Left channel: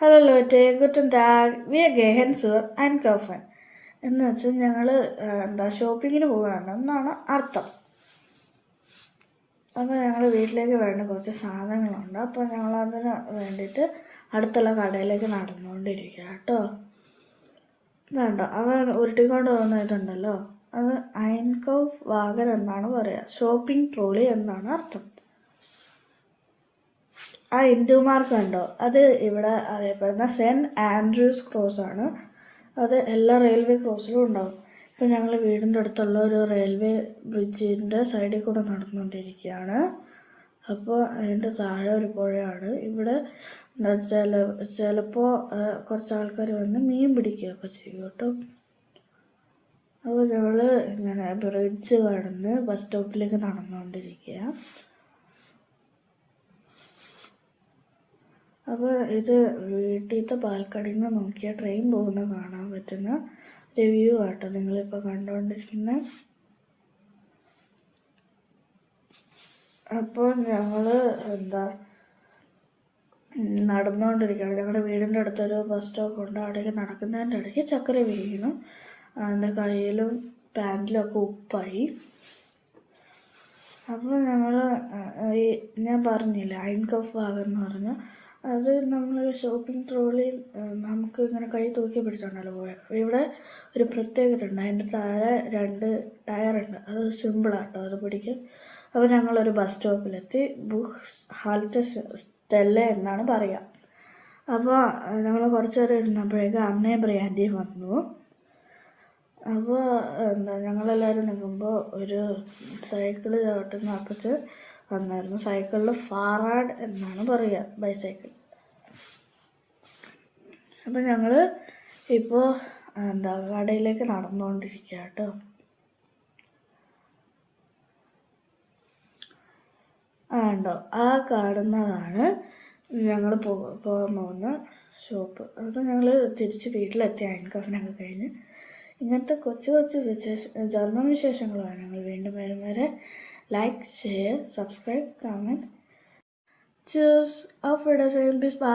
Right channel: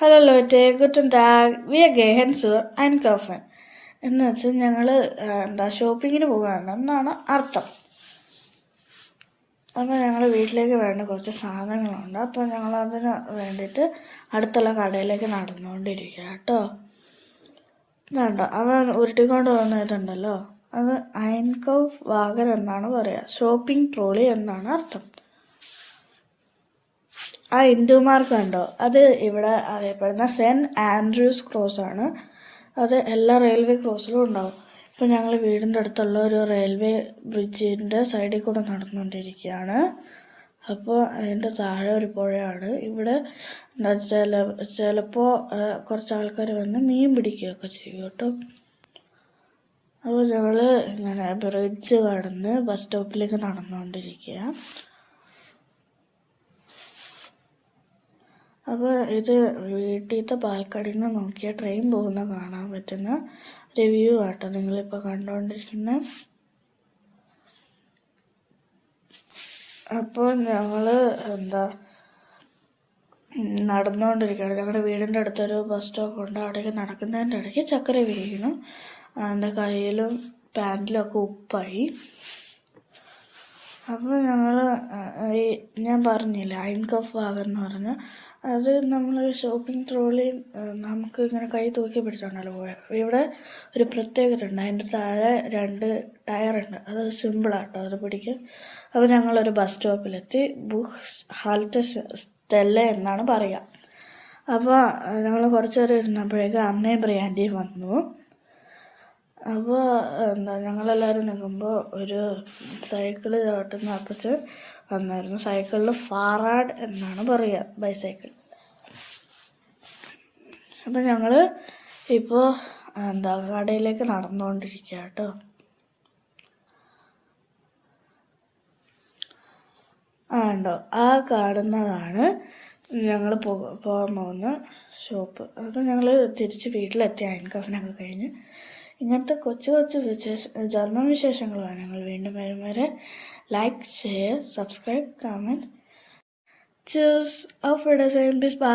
Hello Lotte ഗുട്ടൻ ടാഗ് wir gehen zur einkaufen എന്ന് വെച്ചാൽ ഞങ്ങൾ ഷോപ്പിങ്ങിന് പോവുകയാണ് എന്നാണ് അർത്ഥം. അപ്പോൾ ഞങ്ങൾ വീട്ടിലേക്ക് വേണ്ട കുറച്ച് സാധനങ്ങളുണ്ട്. അപ്പോൾ ഞങ്ങൾ അതിന് വേണ്ടിയിട്ട് അടുത്തുള്ള കടയിലേക്ക് നടന്നുകൊണ്ടിരിക്കുക കേട്ടോ. ഇതുണ്ടോ അവൻ ഉരുട്ടിക്കൊണ്ട് പോകുന്ന ഇതുണ്ടല്ലോ, അത് ഐൻകൗഫ് വാഗൻ എന്നാണ് പറയുക. ഷോപ്പിംഗ് ട്രോളി എന്നാണ് അർത്ഥം. ആ ഇൻഡു മാർക്ക് കണ്ടോ, അത് ഇവിടെ അറിയപ്പെടുന്ന സെൻറ്റ് ആൻഡ്രൂസ് ക്രോസ് ആണ്. അത് എല്ലാ റെയിൽവേ ക്രോസിലും ഉണ്ടാവും. ഇപ്പം ഞങ്ങൾ വീടിൻ്റെ അടുത്തുള്ള ഒരു റെയിൽവേ ബ്രിഡ്ജിൻ്റെ സൈഡിൽ കൂടെ നടന്നുകൊണ്ടിരിക്കുകയാണ്. അപ്പോൾ അതിൻ്റെ താഴെ ഒരു പുഴയാണ്. ഇവിടെ ചിലപ്പോൾ കുറച്ച് ആൾക്കാർ വന്ന് മീൻ പിടിക്കുകയൊക്കെ ചെയ്യും കേട്ടോ. അപ്പോൾ ഞങ്ങൾ ഇങ്ങനെ ബ്രിഡ്ജ് കടന്ന് ബസ് സ്റ്റോപ്പിലേക്ക് നടന്നുകൊണ്ടിരിക്കുക. അപ്പോൾ ഇത് വീട്ടിലത്തെ ബാൽക്കണിയിൽ നിന്ന് നോക്കിയാൽ ട്രെയിൻ പോകുന്ന കാണാൻ പറ്റുന്ന റിവ്യൂ ആട്ടോ നിങ്ങളിപ്പോൾ കണ്ടുകൊണ്ടിരിക്കുന്നത്. അപ്പോൾ ഞങ്ങൾ നടന്നുകൊണ്ടിരിക്കുകയാണ്. ഞങ്ങളുടെ വീടിൻ്റെ അടുത്തൊരു ബസ് സ്റ്റോപ്പ് ഉണ്ട്. അവിടേക്ക് നടക്കുന്നതിൻ്റെ ഇടയ്ക്ക് ചക്കര വീണു. എൻ്റെ കയ്യിലും പാൻറ്റിലും ഒക്കെ ഉപ്പായി. അപ്പോൾ ഞങ്ങൾ ഞാൻ പറഞ്ഞില്ലേ ഐൻകൗഫ് വാഗൻ എന്ന് പറഞ്ഞാൽ, അത് നമ്മൾ ഷോപ്പിംഗ് ട്രോളി നമുക്ക് ഇങ്ങനെ കൈ തൂക്കി പിടിച്ചാണല്ലോ പോയത്. ഇവിടെ ഒരു പ്രത്യേകത ഉണ്ട്, അതിൻ്റെ താഴെ 2 ടയറുണ്ട്. അത് സിമ്പിളാട്ടോ അത് പിടിക്കുക. അപ്പോൾ ഞങ്ങളൊരു ബസ് സ്റ്റോപ്പിലെത്തി. ബുക്സ് ഹാൽറ്റ് സ്റ്റെല്ല എന്നാണ് പറയുക. അപ്പോൾ ഞങ്ങൾ കുറച്ച് നേരം ഇരുന്നപ്പോഴേക്കും അമ്മയും ബ്രിയാൻ്റിയും വന്നു. അപ്പോൾ ഞങ്ങളെല്ലാവരും നിൽക്കുമ്പോൾ ഒരു സൈക്കിള് ചവിട്ടുന്ന അപ്പച്ച് വന്നായിരുന്നു. സൈക്കിളിൽ ഫാറാഡ് എന്നാണ് പറയുക, ബൈസൈക്കിൾ. അപ്പോൾ ഞങ്ങൾ ഇപ്പോൾ കടയിലേക്ക് നടന്നുകൊണ്ടിരിക്കുക കേട്ടോ. ഉണ്ടോ, ആ കാണുന്നതാണ് ഞങ്ങൾ പോകാൻ പോകുന്ന ഷോപ്പ്. അപ്പോൾ ഞങ്ങൾ തിരിച്ച് വീട്ടിലെത്തി ഐൻകൗഫിനൊക്കെ കഴിഞ്ഞ്. ഇങ്ങനത്തെ കൊച്ചു ജർമ്മൻ വിശേഷങ്ങളുമാണ് ഞങ്ങൾ വീണ്ടും വരും വരെ. Like, share, subscribe, comment. Tschüss, auf Wiedersehen, bis bald.